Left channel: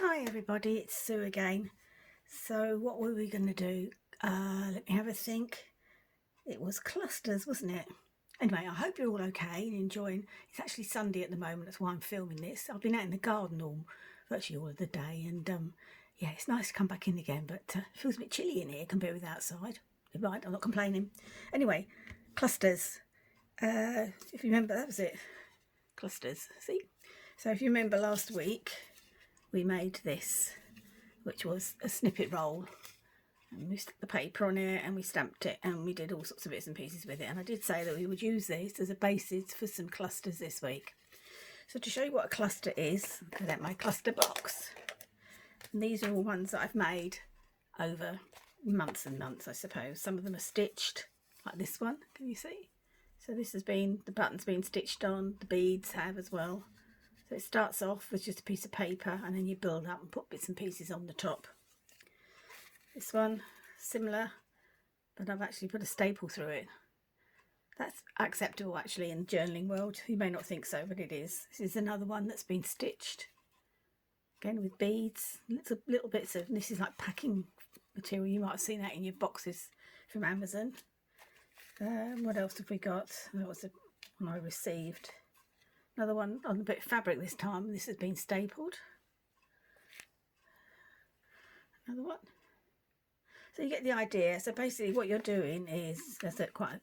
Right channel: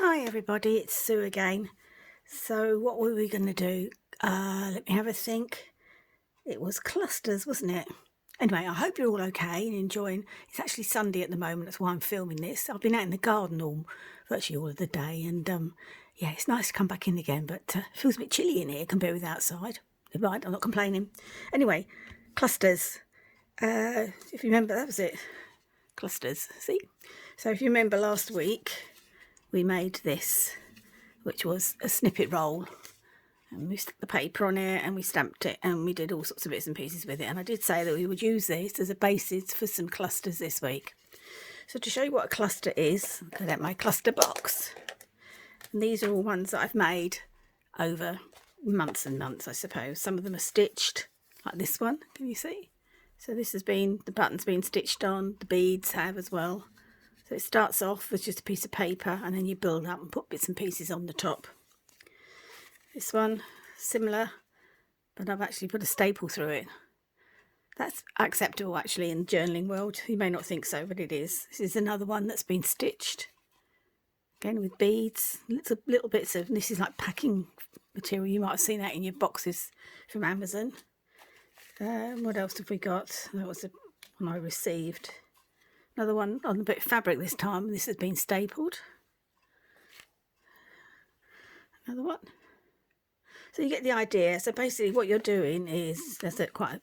Hi everybody, it's Sue again. So what were we going to do? Let me have a think. It was clusters, wasn't it? Anyway, I hope you're all okay and enjoying. It's actually Sunday at the moment, that's why I'm filming this. I've been out in the garden virtually all of the day, and yeah, it's nice to come back in again, but it feels a bit chilly in here compared with outside. Right, I'm not complaining. Anyway, clusters. If you remember, that was it. Clusters, see? So if you remember last week, we made this, which was a snippet roll, and we stuck the paper on it and we stamped it and we did all sorts of bits and pieces with it. And I did say that we would use this as a basis for some clusters this week. So to show you what a cluster is, I got out my cluster box, and these are all ones that I've made over months and months, I suppose. Some of them are stitched, like this one, can you see? So this has been, the button's been stitched on, the beads have as well. So it starts off with just a piece of paper and then you build up and put bits and pieces on the top. This one, similar, but I've actually put a staple through it. That's acceptable actually in the journaling world. You may not think so, but it is. This is another one that's been stitched. Again with beads, little bits of, this is like packing material. You might have seen that in your boxes from Amazon. What else have we got? That was the one I received. Another one on a bit of fabric this time. This has been stapled. Another one. So you get the idea. So basically what you're doing is, that's quite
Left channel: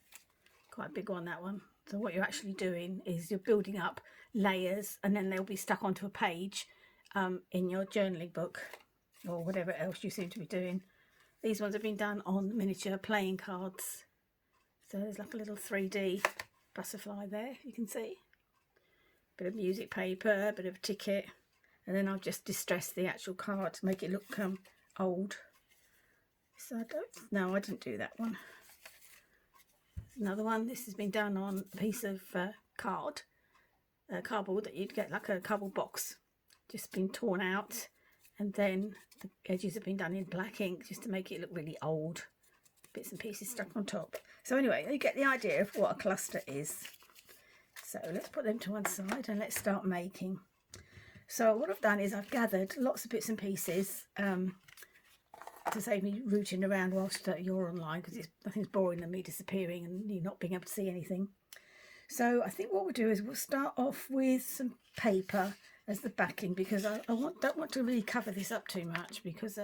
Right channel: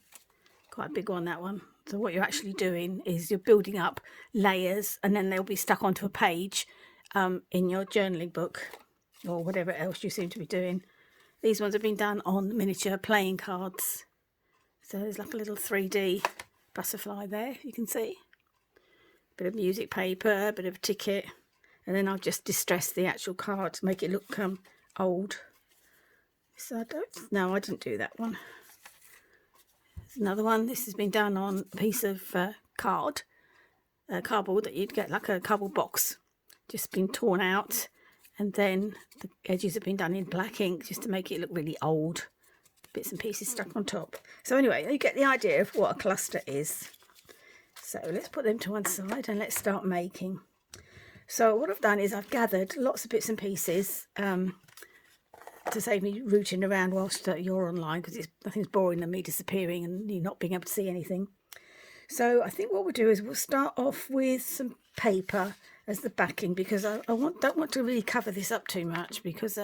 a big one, that one. So what you're actually doing is you're building up layers, and then they'll be stuck onto a page in your journaling book or whatever else you seem to be doing. These ones have been done on miniature playing cards. So there's like a little 3D butterfly there, you can see. Bit of music paper, a bit of ticket, and then I've just distressed the actual card to make it look old. So I didn't do that one. There's another one. This has been done on a piece of cardboard that you'd get, like a cardboard box, just been torn out, and then the edges have been done in black ink just to make it look really old. Bits and pieces stuck on top. So anyway, you get the idea of what a cluster is. So let's put them to one side and let's start making. So what I've done is I've gathered lots of bits and pieces to save me rooting around whilst you're online, because I think it's boring than me disappearing and you not being able to see anything. So I think what we'll do is we'll start off with some paper as the backing, because I don't want to really cover this up too much, because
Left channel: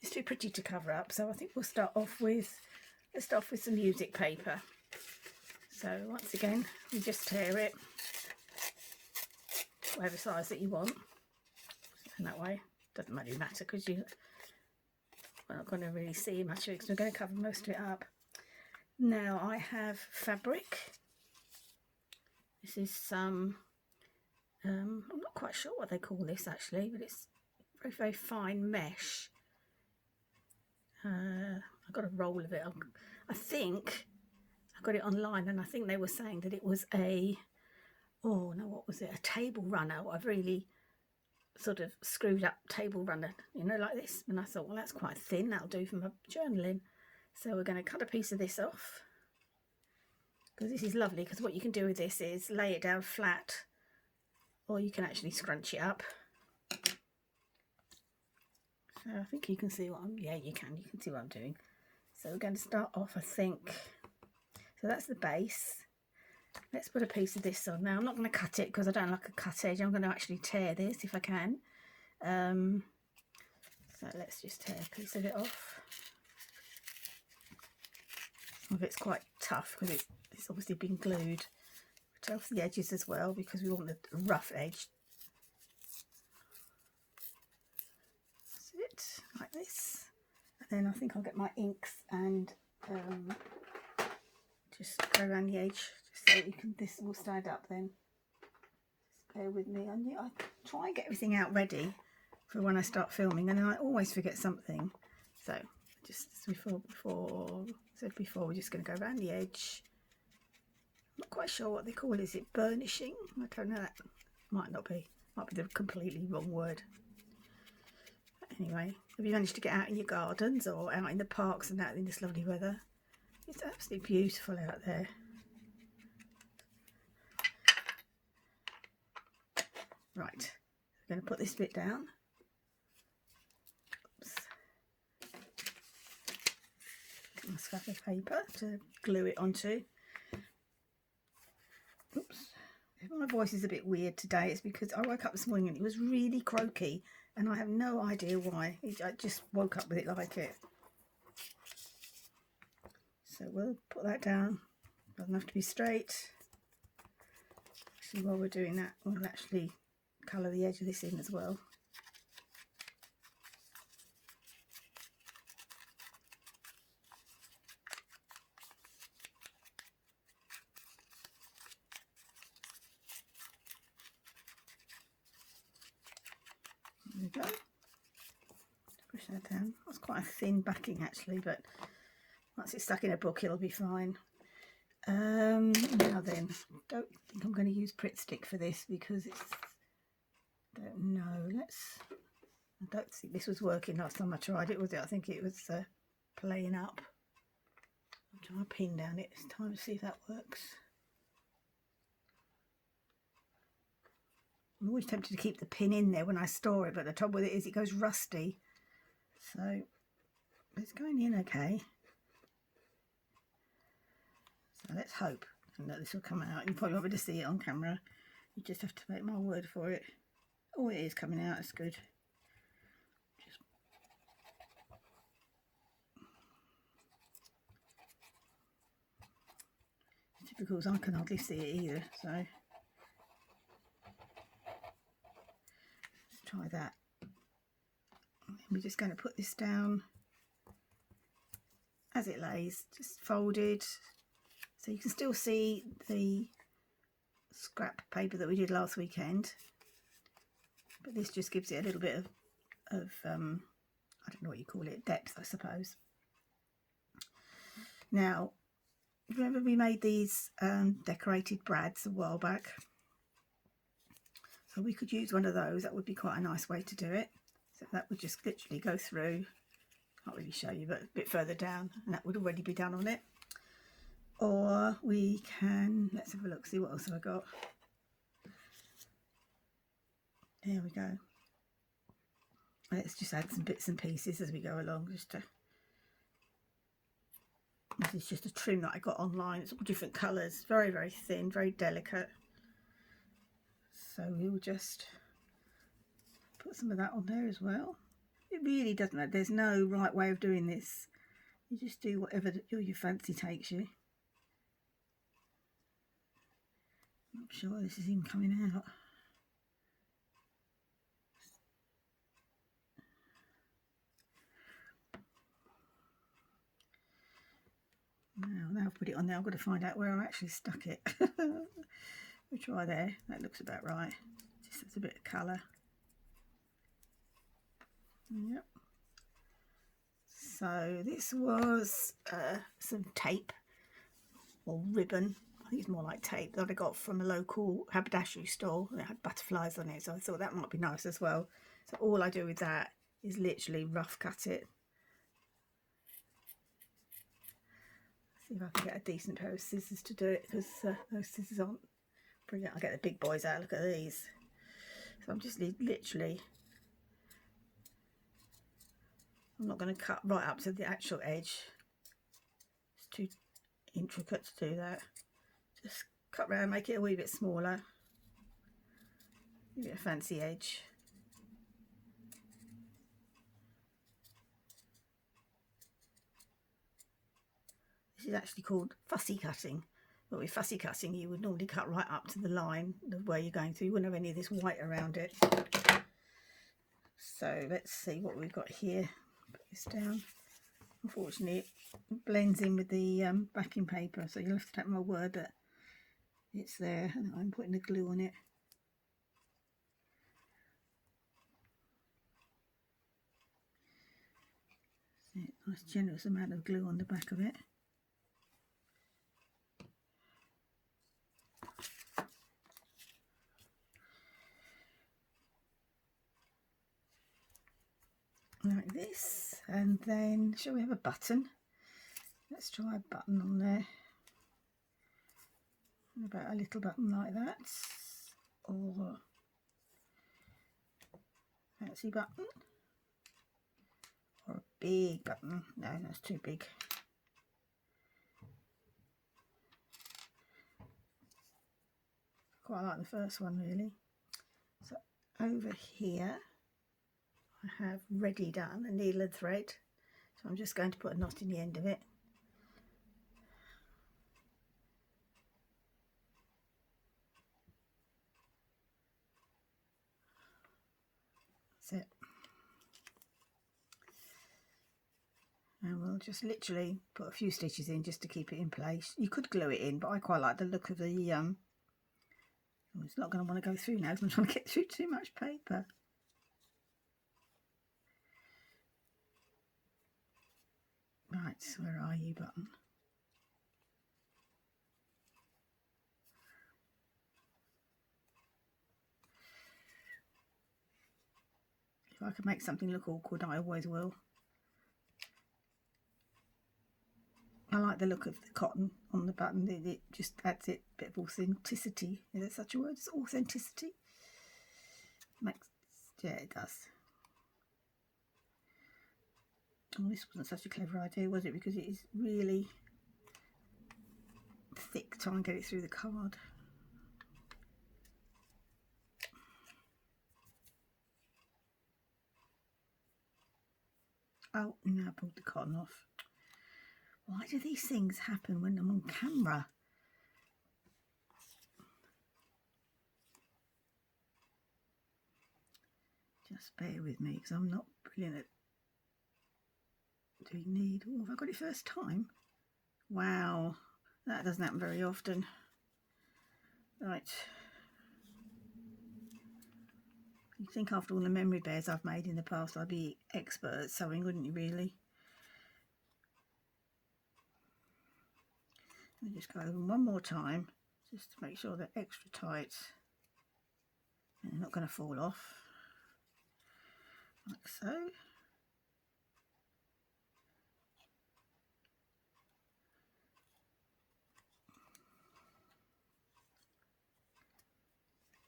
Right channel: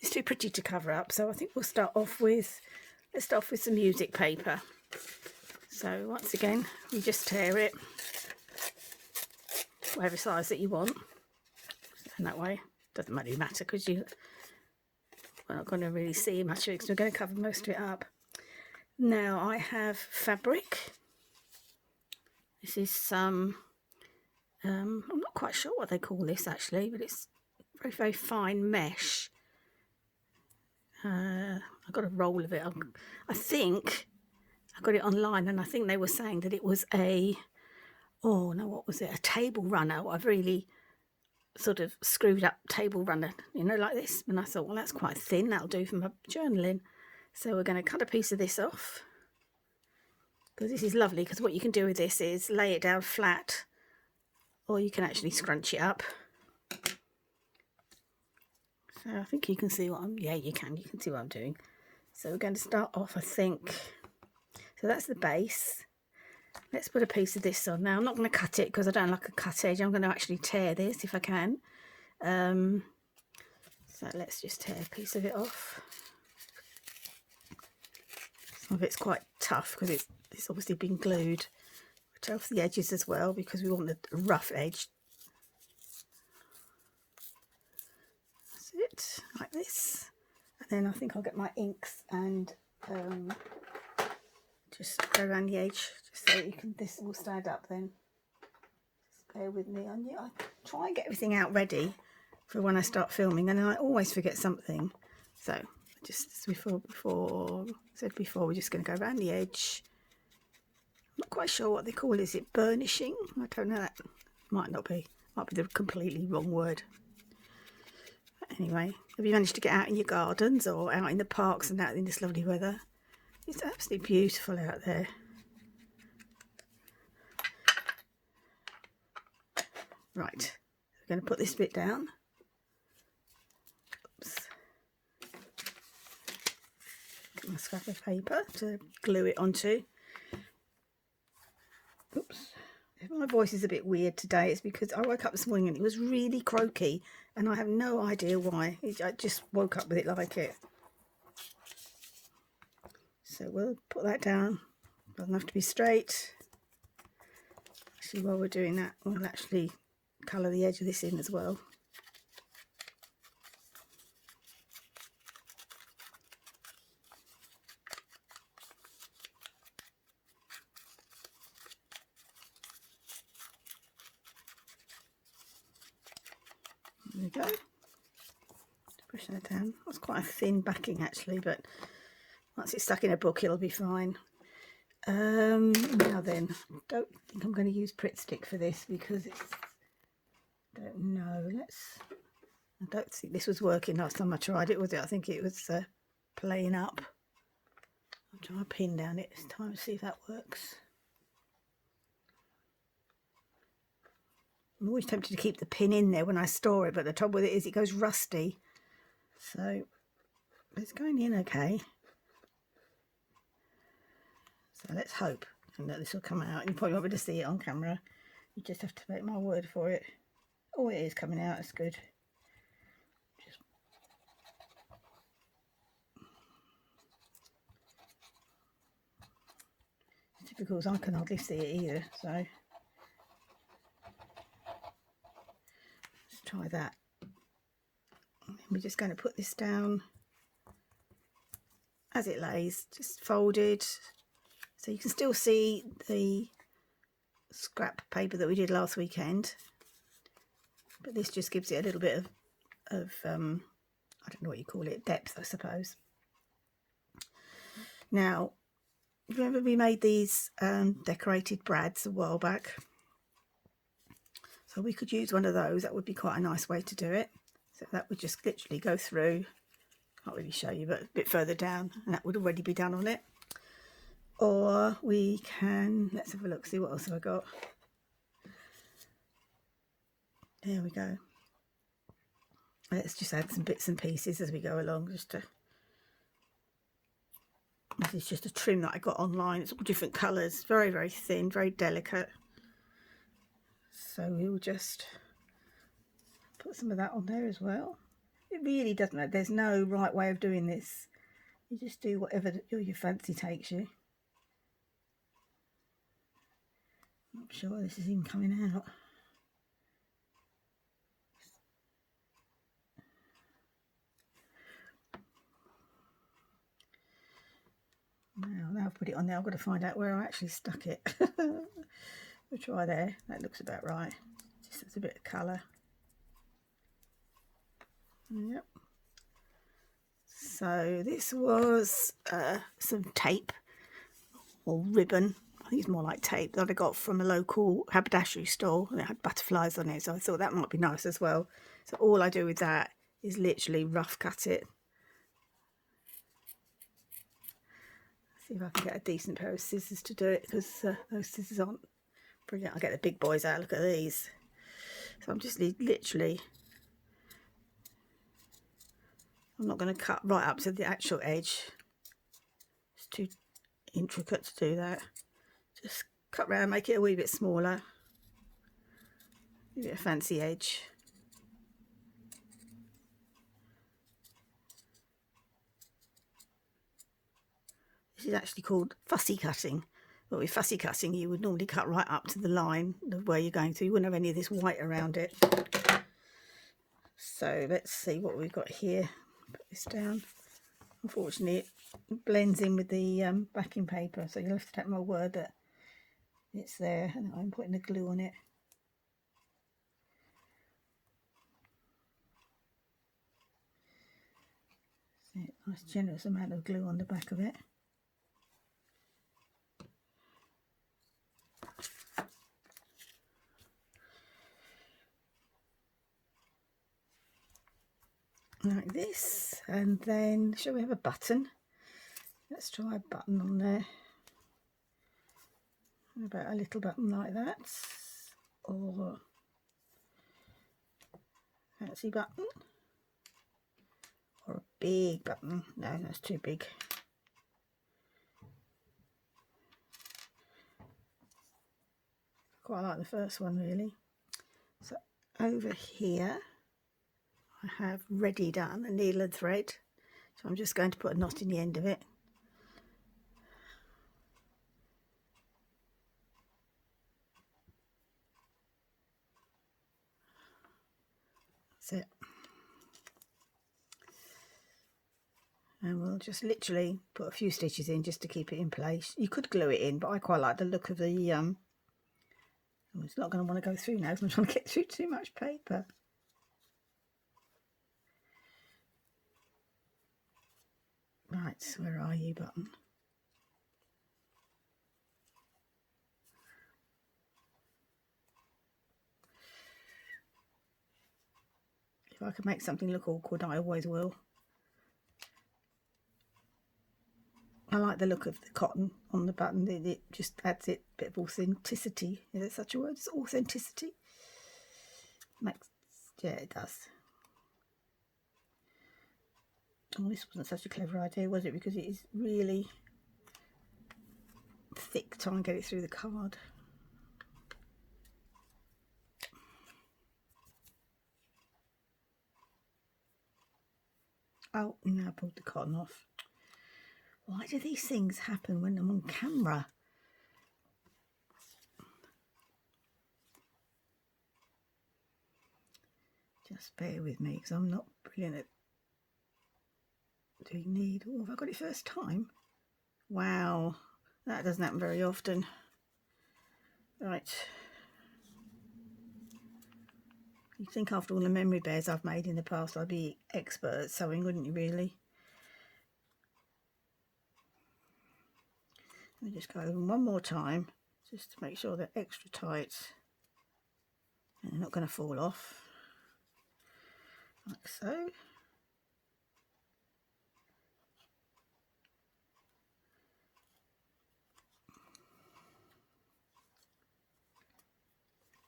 it's too pretty to cover up. So I think we'll start off with, let's start off with some music paper. So once again, you just tear it, whatever size that you want, and that way doesn't really matter, because we're not going to really see much of it, because we're going to cover most of it up. Now I have fabric. This is some, I'm not quite sure what they call this actually, but it's very, very fine mesh. I've got a roll of it. I think I got it online, and I think they were saying that it was what was it? A table runner. I've really sort of screwed up table runner, like this. And I thought, well, that's quite thin. That'll do for my journaling. So we're going to cut a piece of this off, because this is lovely, because what you can do with this is lay it down flat, or you can actually scrunch it up. So I think you can see what you can see what I'm doing. So we're going to start off, I think, so that's the base. Let's put a piece of this on. Now I'm not going to cut it because I don't like a cut edge. I'm going to actually tear this if I can. So let's just tear a piece of it off. Some of it's quite tough because it's obviously been glued. Tear off the edges as well, because we want the rough edge. That's it, like this. And then I think I'll get my inks and just go around the edge, just so you can, this will stand up then. Just bear with me on you. I try and get everything out ready for when I start filming, and then I always forget something. So just as before we're just going to go around the edge. I'm not quite sure what they call it. Is it burnishing? I don't know. That might be the completely wrong word. Anyway, have you managed to get out in your gardens or out in the parks and out in this lovely weather? It's absolutely beautiful out there. Right, we're going to put this bit down. a scrap of paper to glue it onto. Oops. If my voice is a bit weird today, it's because I woke up this morning and it was really croaky and I have no idea why. I just woke up with it like it. So we'll put that down. Doesn't have to be straight. Actually, while we're doing that, we'll actually colour the edge of this in as well. There we go. Push that down. That's quite a thin backing actually, but once it's stuck in a book it'll be fine. Now then, don't think I'm going to use Pritt Stick for this because it's, don't know, I don't think this was working last time I tried it, was it? I think it was playing up. I'll try a pin down it this time to see if that works. I'm always tempted to keep the pin in there when I store it, but the trouble with it is it goes rusty. So it's going in okay. So let's hope that this will come out. You probably won't be able to see it on camera. You just have to take my word for it. Oh, it is coming out. That's good. It's difficult because I can hardly see it either. So let's try that. We're just going to put this down as it lays, just folded. So you can still see the scrap paper that we did last weekend, but this just gives it a little bit of I don't know what you call it, depth, I suppose. Now, remember we made these decorated brads a while back, so we could use one of those. That would be quite a nice way to do it. So that would just literally go through, can't really show you, but a bit further down, and that would already be done on it. Or we can, let's have a look, see what else have I got. There we go. Let's just add some bits and pieces as we go along. This is just a trim that I got online. It's all different colours, very, very thin, very delicate. So we'll just put some of that on there as well. It really doesn't matter. There's no right way of doing this. You just do whatever your fancy takes you. Not sure this is even coming out. Now I've put it on there, I've got to find out where I actually stuck it. We'll try there. That looks about right. Just adds a bit of colour. Yep. So this was some tape or ribbon. I think it's more like tape that I got from a local haberdashery store, and it had butterflies on it, so I thought that might be nice as well. So all I do with that is literally rough cut it. See if I can get a decent pair of scissors to do it, because those scissors aren't brilliant. I'll get the big boys out. Look at these. So I'm just literally, I'm not going to cut right up to the actual edge. It's too intricate to do that. Just cut round, make it a wee bit smaller. Give it a fancy edge. This is actually called fussy cutting. But with fussy cutting, you would normally cut right up to the line of where you're going to. You wouldn't have any of this white around it. So let's see what we've got here. Put this down. Unfortunately, it blends in with the backing paper, so you'll have to take my word that it's there, and I'm putting the glue on it. Nice generous amount of glue on the back of it. Like this, and then shall we have a button? Let's try a button on there. How about a little button like that, or a fancy button, or a big button? No, that's too big. quite like the first one really. So over here I have ready done a needle and thread, so I'm just going to put a knot in the end of it. That's it. And we'll just literally put a few stitches in just to keep it in place. You could glue it in, but I quite like the look of the it's not going to want to go through now because I'm trying to get through too much paper. Right, where are you, button? If I can make something look awkward, I always will. I like the look of the cotton on the button. It just adds it a bit of authenticity. Is that such a word? It's authenticity. Yeah, it does. Oh, this wasn't such a clever idea, was it? Because it is really thick. Try and get it through the card. Oh, now I pulled the cotton off. Why do these things happen when I'm on camera? Just bear with me because I'm not brilliant at doing needle. Oh, have I got it first time? Wow, that doesn't happen very often. Right. You'd think after all the memory bears I've made in the past I'd be expert at sewing, wouldn't you really? Let me just go over them one more time just to make sure they're extra tight and they're not going to fall off, like so.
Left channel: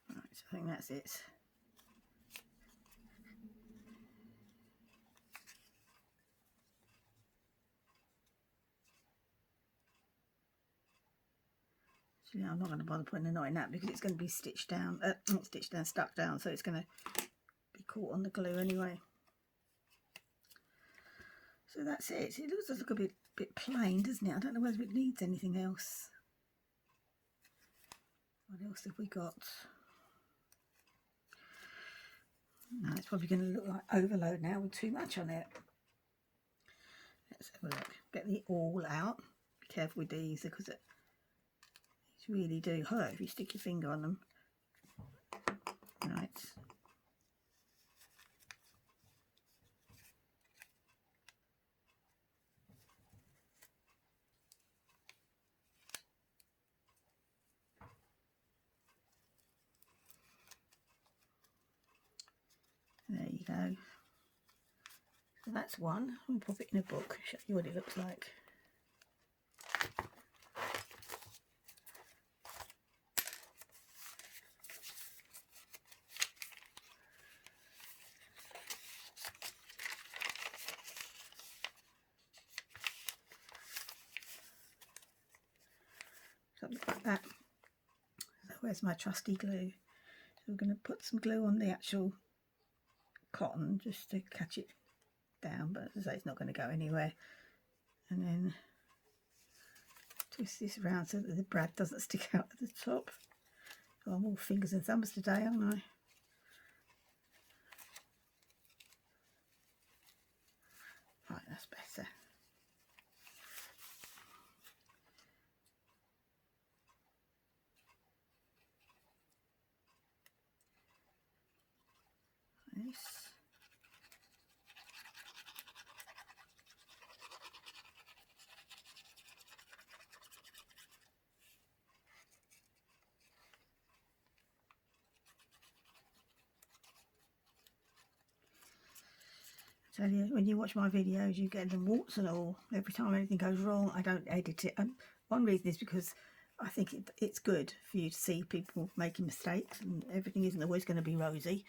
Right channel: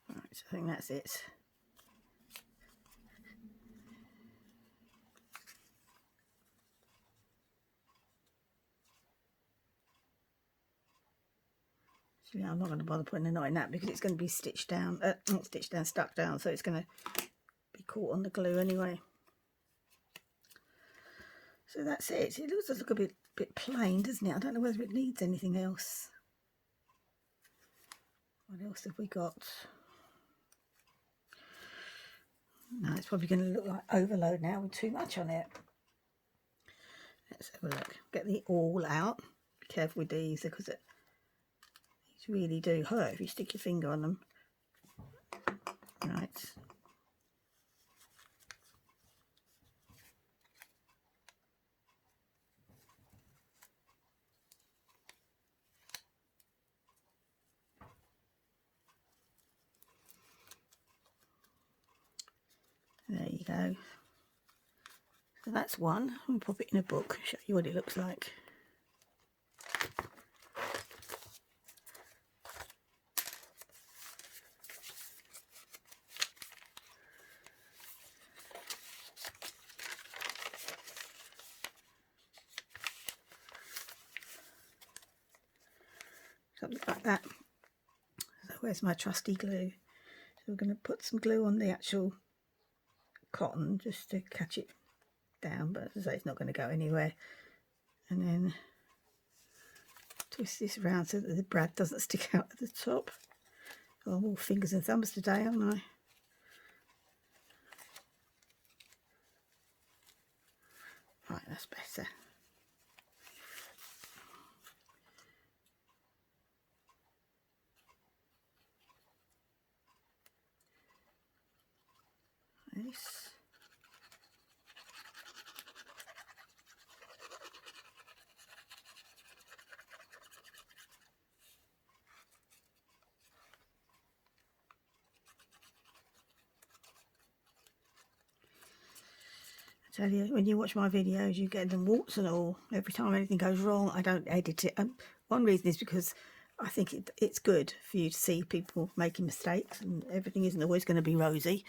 Right, so I think that's it. Yeah, I'm not going to bother putting a knot in that because it's going to be stitched down, not stitched down, stuck down, so it's going to be caught on the glue anyway. So that's it. It looks like a bit plain, doesn't it? I don't know whether it needs anything else. What else have we got? No, it's probably going to look like overload now with too much on it. Let's have a look. Get the awl out. Be careful with these because these really do hurt if you stick your finger on them. Right. There you go. So that's one. I'll pop it in a book, show you what it looks like. Something like that. So where's my trusty glue? So we're going to put some glue on the actual cotton just to catch it down, but as I say, it's not going to go anywhere. And then twist this around so that the brad doesn't stick out at the top. Oh, I'm all fingers and thumbs today, aren't I? Right, that's better. This. I tell you, when you watch my videos, you get them warts and all. Every time anything goes wrong, I don't edit it. One reason is because I think it's good for you to see people making mistakes, and everything isn't always going to be rosy.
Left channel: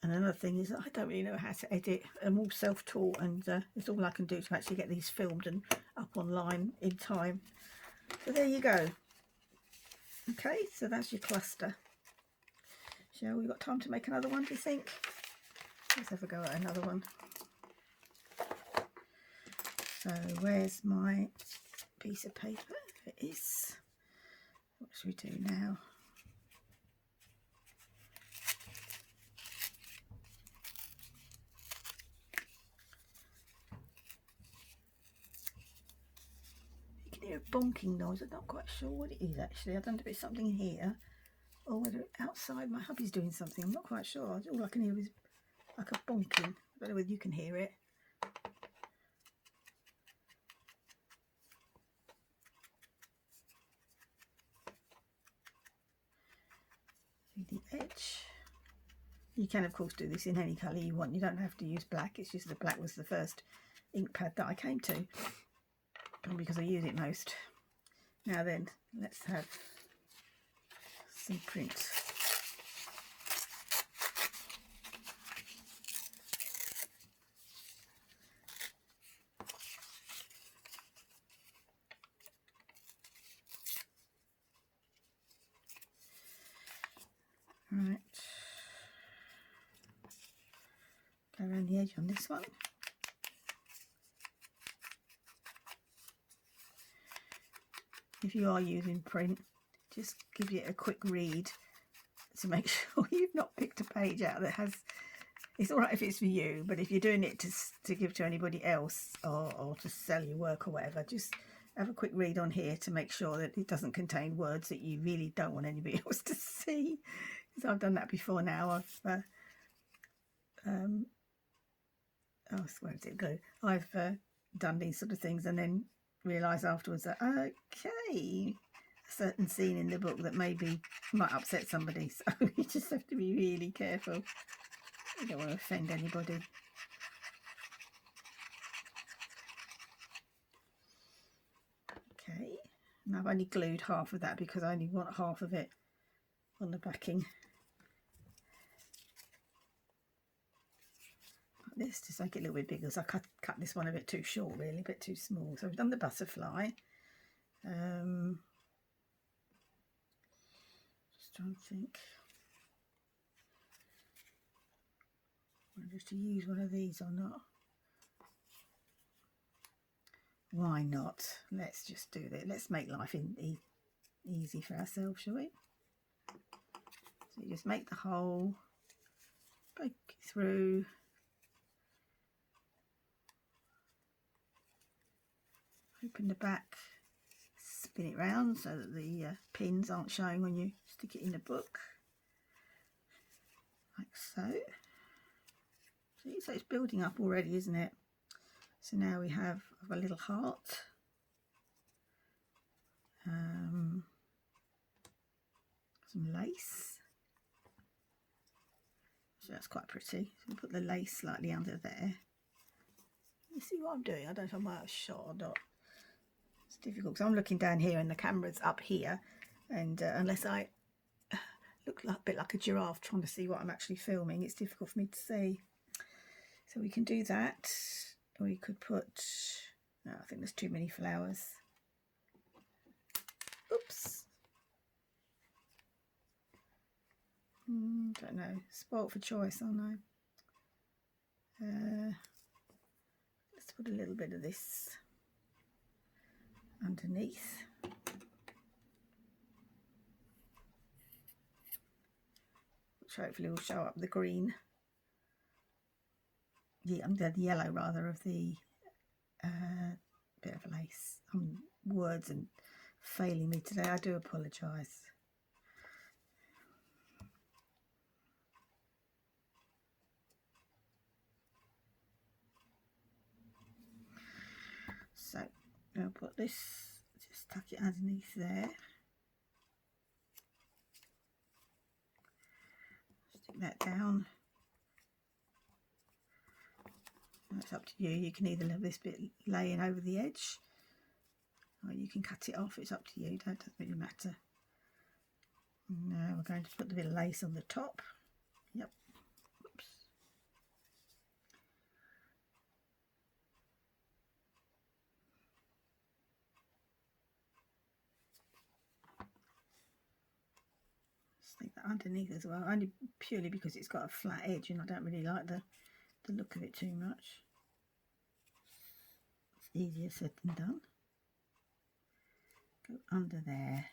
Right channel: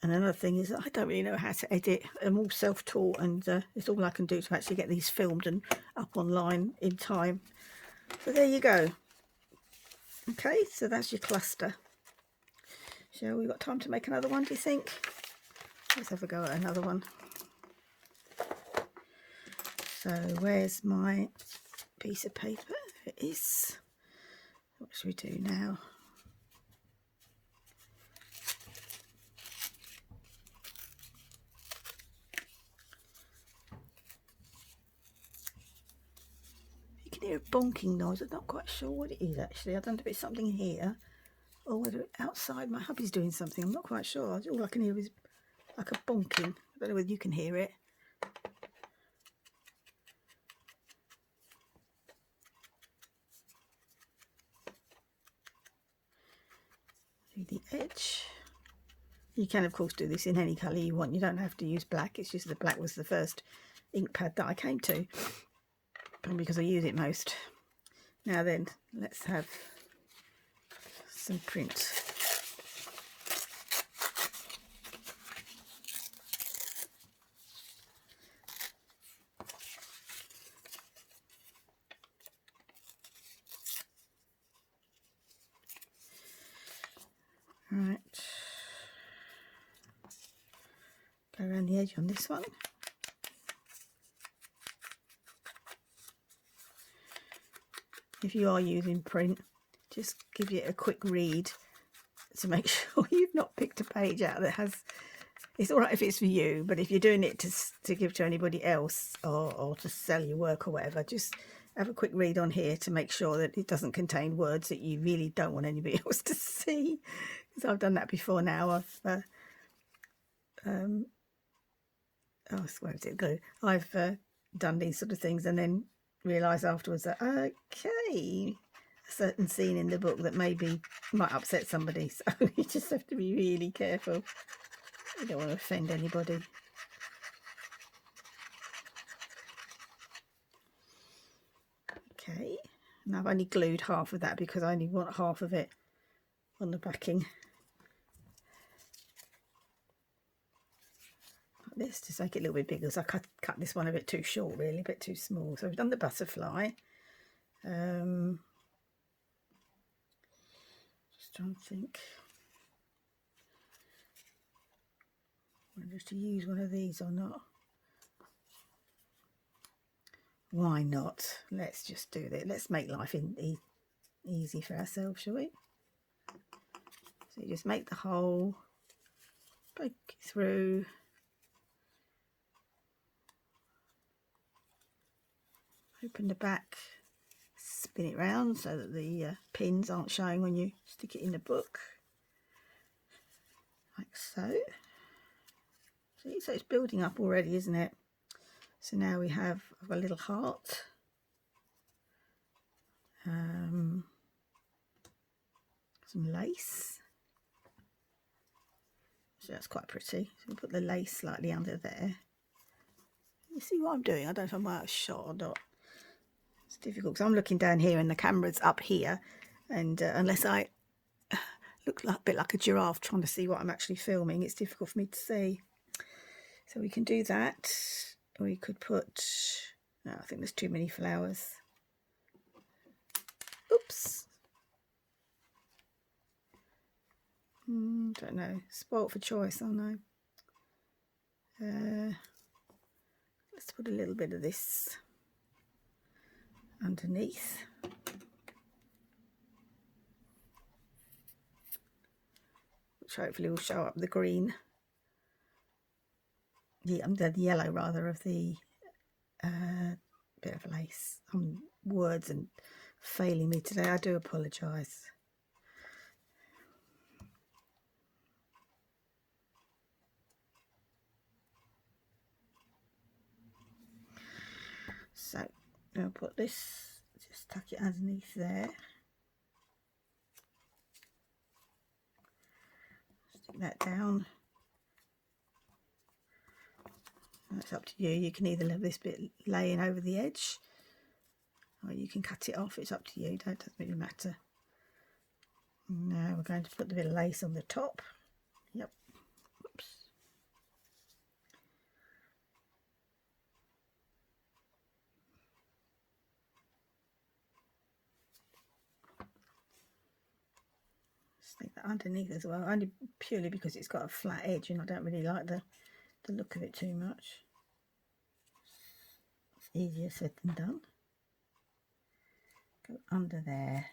And another thing is that I don't really know how to edit. I'm all self-taught, and it's all I can do to actually get these filmed and up online in time. So there you go. Okay, so that's your cluster. Shall we got time to make another one, do you think? Let's have a go at another one. So where's my piece of paper? There it is. What should we do now? You can hear a bonking noise. I'm not quite sure what it is actually. I don't know if it's something in here or whether outside my hubby's doing something. I'm not quite sure. All I can hear is like a bonking. I don't know whether you can hear it. Do the edge. You can of course do this in any colour you want. You don't have to use black. It's just the black was the first ink pad that I came to, because I use it most. Now then, let's have some print. Right, go around the edge on this one. If you are using print, just give it a quick read to make sure you've not picked a page out that has, it's all right if it's for you, but if you're doing it to give to anybody else or to sell your work or whatever, just have a quick read on here to make sure that it doesn't contain words that you really don't want anybody else to see. Because I've done that before now. Where did it go? I've done these sort of things and then realise afterwards that, okay, a certain scene in the book that maybe might upset somebody. So you just have to be really careful. You don't want to offend anybody. Okay, and I've only glued half of that because I only want half of it on the backing. Like this, to make it a little bit bigger, so I cut this one a bit too short, really, a bit too small. So we've done the butterfly. Just trying to think whether to use one of these or not. Why not? Let's just do that. Let's make life easy for ourselves, shall we? So you just make the hole, break it through, open the back, spin it round so that the pins aren't showing when you stick it in the book, like so. See, so it's building up already, isn't it? So now we have a little heart. Some lace. So that's quite pretty. So we'll put the lace slightly under there. You see what I'm doing? I don't know if I'm out of shot or not. It's difficult because I'm looking down here and the camera's up here, and unless I look like, a bit like a giraffe trying to see what I'm actually filming, it's difficult for me to see. So we can do that. We could put, no, I think there's too many flowers. Oops. Don't know. Spoilt for choice, aren't I? Let's put a little bit of this underneath. Which hopefully will show up the green. The yellow rather of the bit of lace. Words and failing me today. I do apologise. So I'll put this, just tuck it underneath there. Stick that down. It's up to you. You can either leave this bit laying over the edge, or you can cut it off. It's up to you. It doesn't really matter. Now we're going to put the bit of lace on the top. Yep. Oops. Stick that underneath as well, only purely because it's got a flat edge and I don't really like the look of it too much. It's easier said than done. Go under there.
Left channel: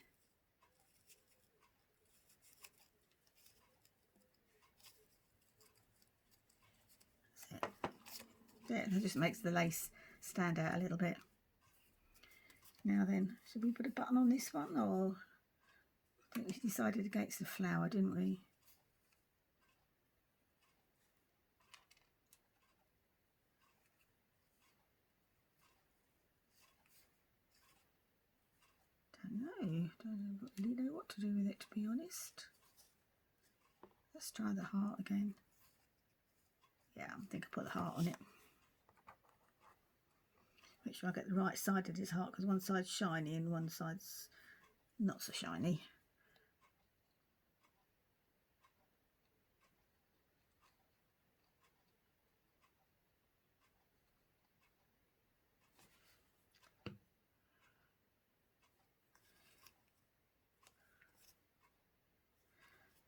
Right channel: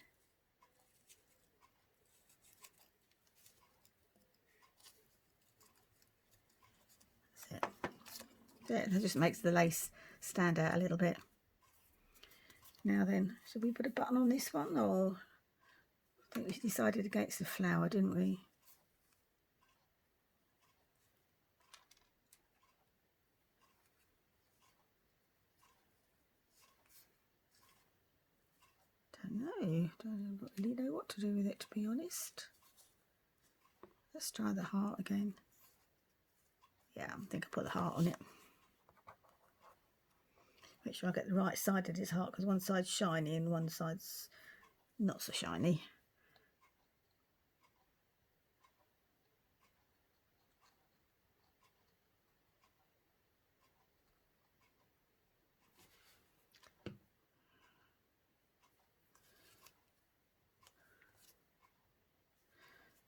That's it. There, that just makes the lace stand out a little bit. Now then, should we put a button on this one, or I think we decided against the flower, didn't we? Don't really know what to do with it, to be honest. Let's try the heart again. Yeah, I think I put the heart on it. Make sure I get the right side of this heart, because one side's shiny and one side's not so shiny.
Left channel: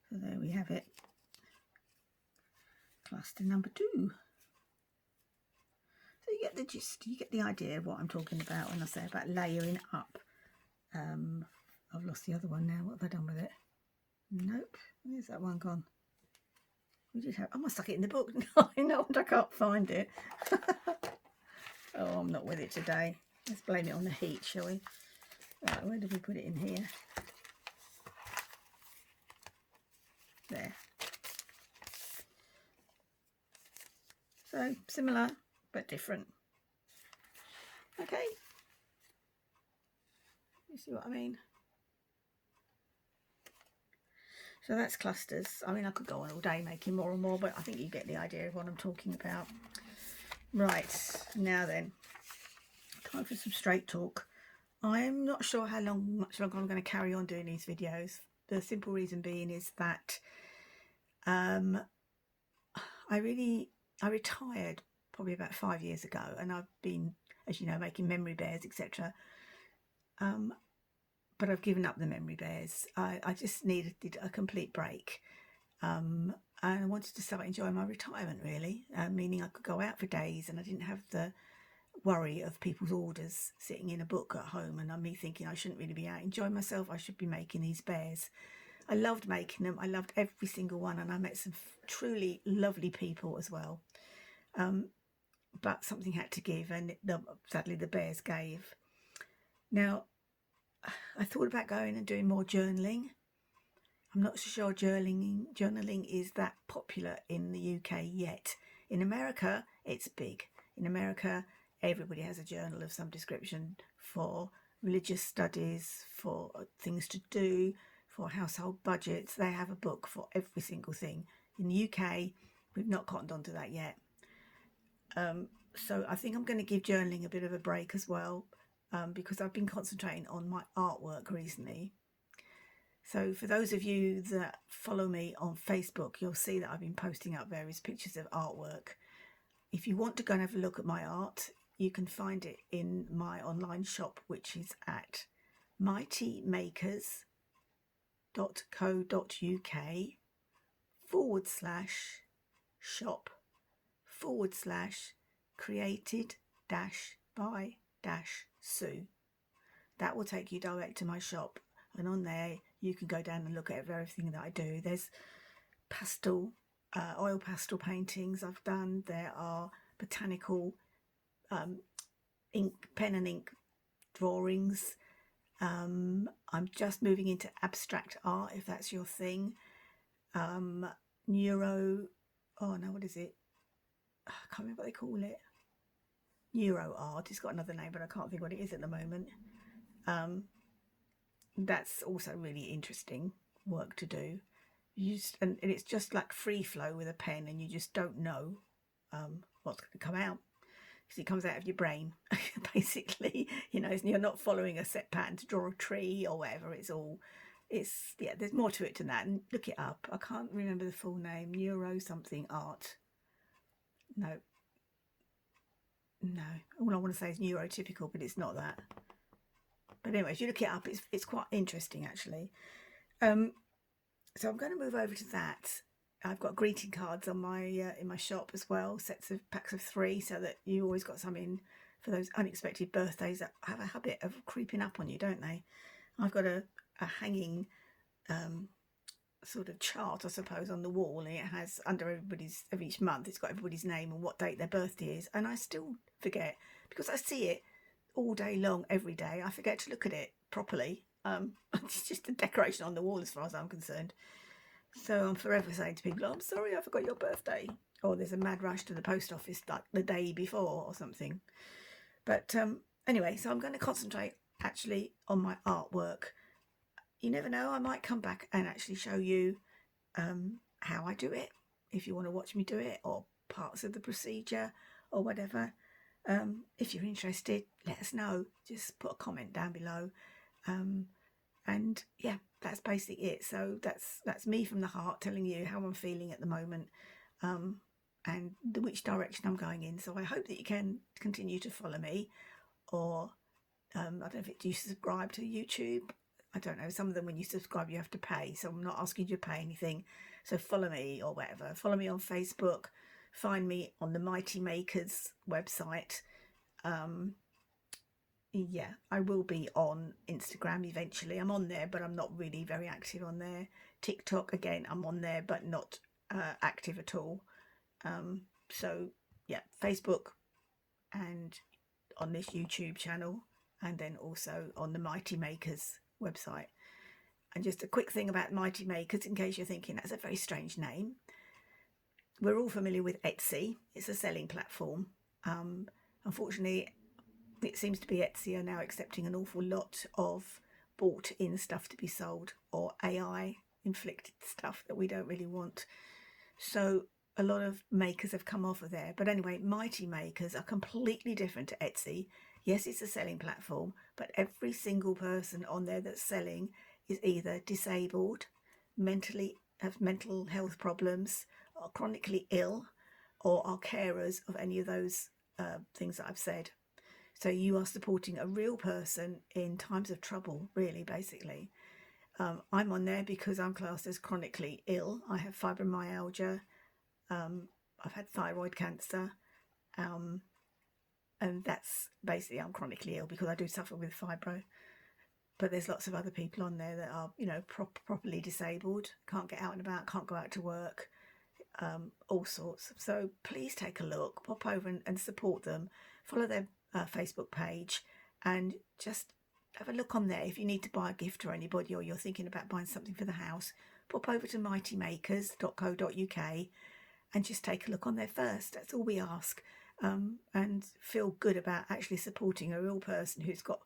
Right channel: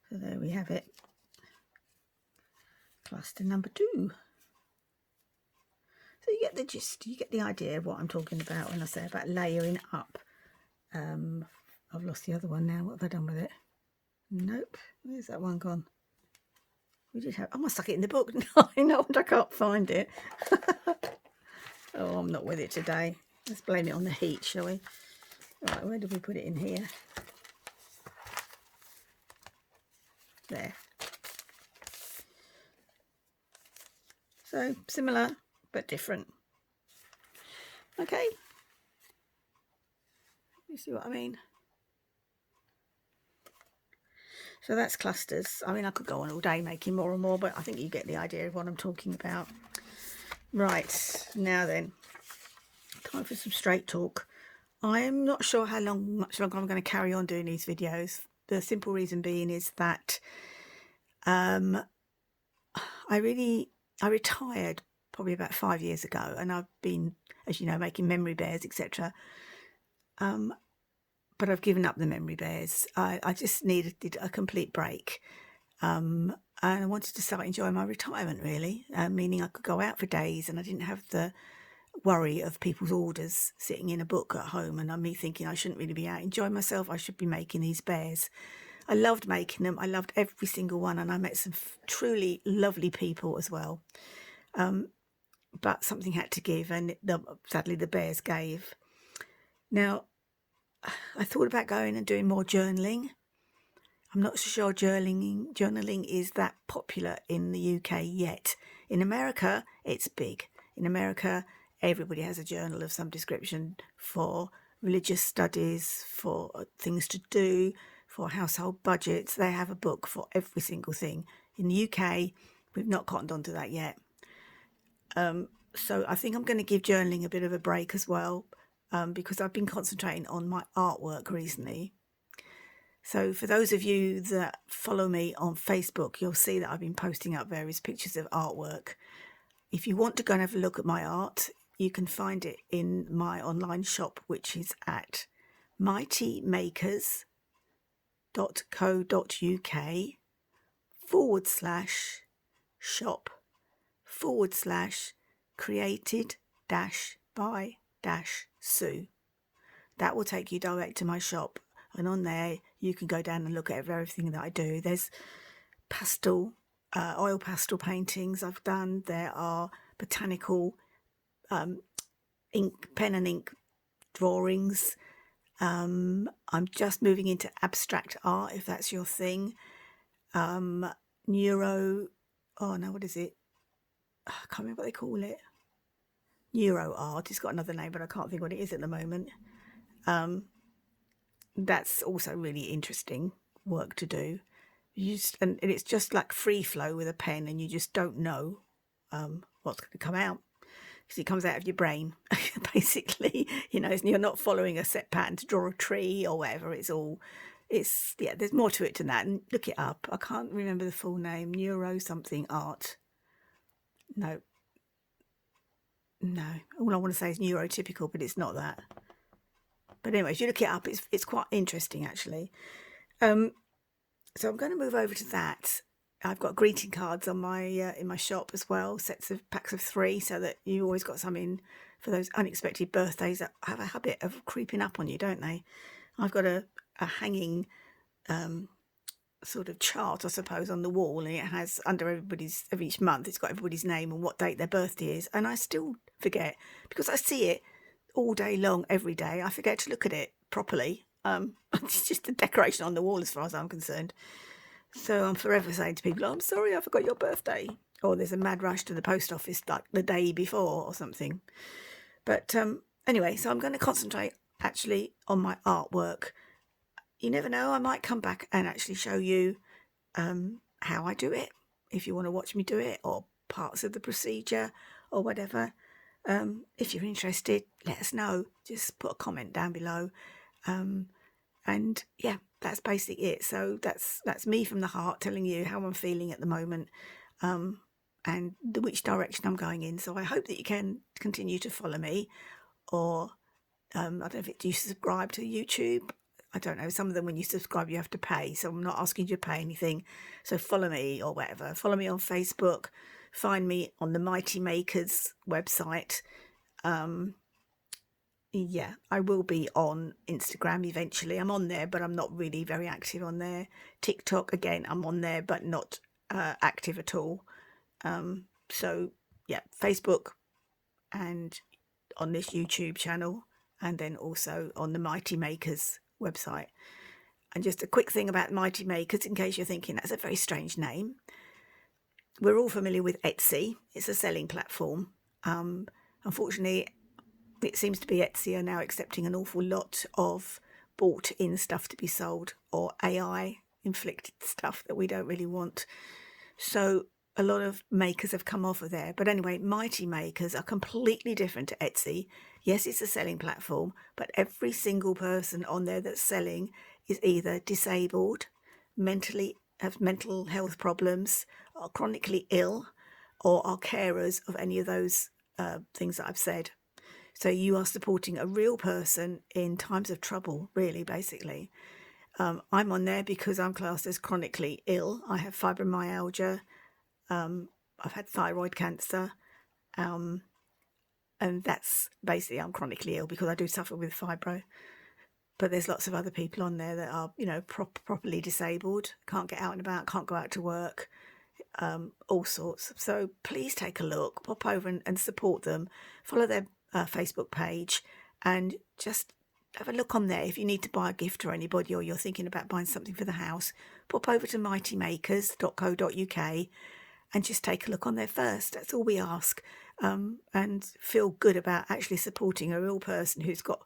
So there we have it. Cluster number 2. So you get the gist, you get the idea of what I'm talking about when I say about layering up. I've lost the other one now. What have I done with it? Nope. Where's that one gone? We did have. I must stuck it in the book. No, I can't find it. Oh, I'm not with it today. Let's blame it on the heat, shall we? Right, where did we put it in here? There. So similar but different. Okay. You see what I mean? So that's clusters. I mean, I could go on all day making more and more, but I think you get the idea of what I'm talking about. Right, now then, time for some straight talk. I'm not sure how much longer I'm going to carry on doing these videos. The simple reason being is that I retired probably about 5 years ago, and I've been, as you know, making memory bears, etc. But I've given up the memory bears. I just needed a complete break. And I wanted to start enjoying my retirement, really, meaning I could go out for days and I didn't have the worry of people's orders sitting in a book at home, and me thinking I shouldn't really be out enjoying myself. I should be making these bears. I loved making them. I loved every single one, and I met some truly lovely people as well. But something had to give, and sadly the bears gave. Now, I thought about going and doing more journaling. I'm not so sure journaling is that popular in the UK yet. In America, it's big. In America, everybody has a journal of some description for religious studies, for things to do, for household budgets. They have a book for every single thing. In the UK, we've not cottoned onto that yet. So I think I'm going to give journaling a bit of a break as well, because I've been concentrating on my artwork recently. So for those of you that follow me on Facebook, you'll see that I've been posting up various pictures of artwork. If you want to go and have a look at my art, you can find it in my online shop, which is at mightymakers.co.uk/shop/created-by-Sue. That will take you direct to my shop, and on there you can go down and look at everything that I do. There's pastel, oil pastel paintings I've done. There are botanical ink, pen and ink drawings. I'm just moving into abstract art, if that's your thing. What is it? I can't remember what they call it. Neuro art. It's got another name, but I can't think what it is at the moment. That's also really interesting work to do. And it's just like free flow with a pen, and you just don't know what's going to come out, because it comes out of your brain. Basically, you're not following a set pattern to draw a tree or whatever. There's more to it than that. And look it up. I can't remember the full name. Neuro something art. No. All I want to say is neurotypical, but it's not that. But anyway, if you look it up, it's quite interesting actually. So I'm going to move over to that. I've got greeting cards on my in my shop as well, packs of 3, so that you always got some in for those unexpected birthdays that have a habit of creeping up on you, don't they? I've got a hanging sort of chart, I suppose, on the wall, and it has under of each month, it's got everybody's name and what date their birthday is. And I still forget, because I see it all day long, every day. I forget to look at it properly. It's just a decoration on the wall as far as I'm concerned. So I'm forever saying to people, I'm sorry, I forgot your birthday. Or there's a mad rush to the post office like the day before or something. But anyway, so I'm going to concentrate actually on my artwork. You never know, I might come back and actually show you how I do it, if you want to watch me do it, or parts of the procedure or whatever. If you're interested, let us know. Just put a comment down below. And yeah, that's basically it. So that's me from the heart telling you how I'm feeling at the moment, and which direction I'm going in. So I hope that you can continue to follow me, or I don't know if you subscribe to YouTube. I don't know. Some of them, when you subscribe, you have to pay. So I'm not asking you to pay anything. So follow me or whatever. Follow me on Facebook. Find me on the Mighty Makers website. Yeah, I will be on Instagram eventually. I'm on there, but I'm not really very active on there. TikTok, again, I'm on there, but not active at all. So yeah, Facebook and on this YouTube channel, and then also on the Mighty Makers website. And just a quick thing about Mighty Makers, in case you're thinking that's a very strange name. We're all familiar with Etsy. It's a selling platform. Unfortunately, it seems to be Etsy are now accepting an awful lot of bought in stuff to be sold, or AI inflicted stuff that we don't really want. So a lot of makers have come off of there. But anyway, Mighty Makers are completely different to Etsy. Yes, it's a selling platform, but every single person on there that's selling is either disabled, have mental health problems, are chronically ill, or are carers of any of those things that I've said. So you are supporting a real person in times of trouble, really, basically. I'm on there because I'm classed as chronically ill. I have fibromyalgia. I've had thyroid cancer. And that's basically, I'm chronically ill because I do suffer with fibro. But there's lots of other people on there that are, properly disabled, can't get out and about, can't go out to work, all sorts. So please take a look, pop over and support them. Follow their Facebook page and just have a look on there. If you need to buy a gift for anybody, or you're thinking about buying something for the house, pop over to mightymakers.co.uk and just take a look on there first. That's all we ask, and feel good about actually supporting a real person who's got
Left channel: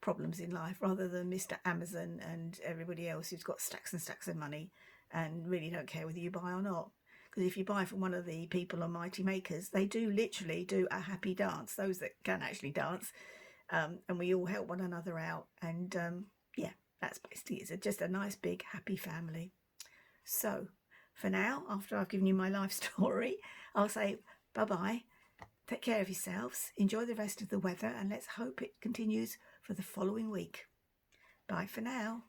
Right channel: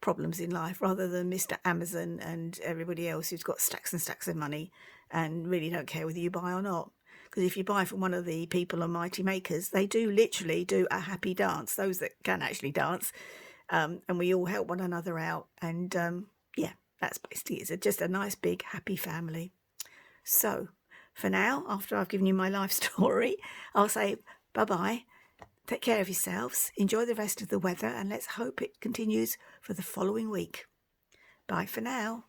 problems in life, rather than Mr. Amazon and everybody else who's got stacks and stacks of money and really don't care whether you buy or not. Because if you buy from one of the people on Mighty Makers, they do literally do a happy dance, those that can actually dance, and we all help one another out. And yeah, that's basically it. It's just a nice, big, happy family. So for now, after I've given you my life story, I'll say bye-bye. Take care of yourselves. Enjoy the rest of the weather, and let's hope it continues for the following week. Bye for now.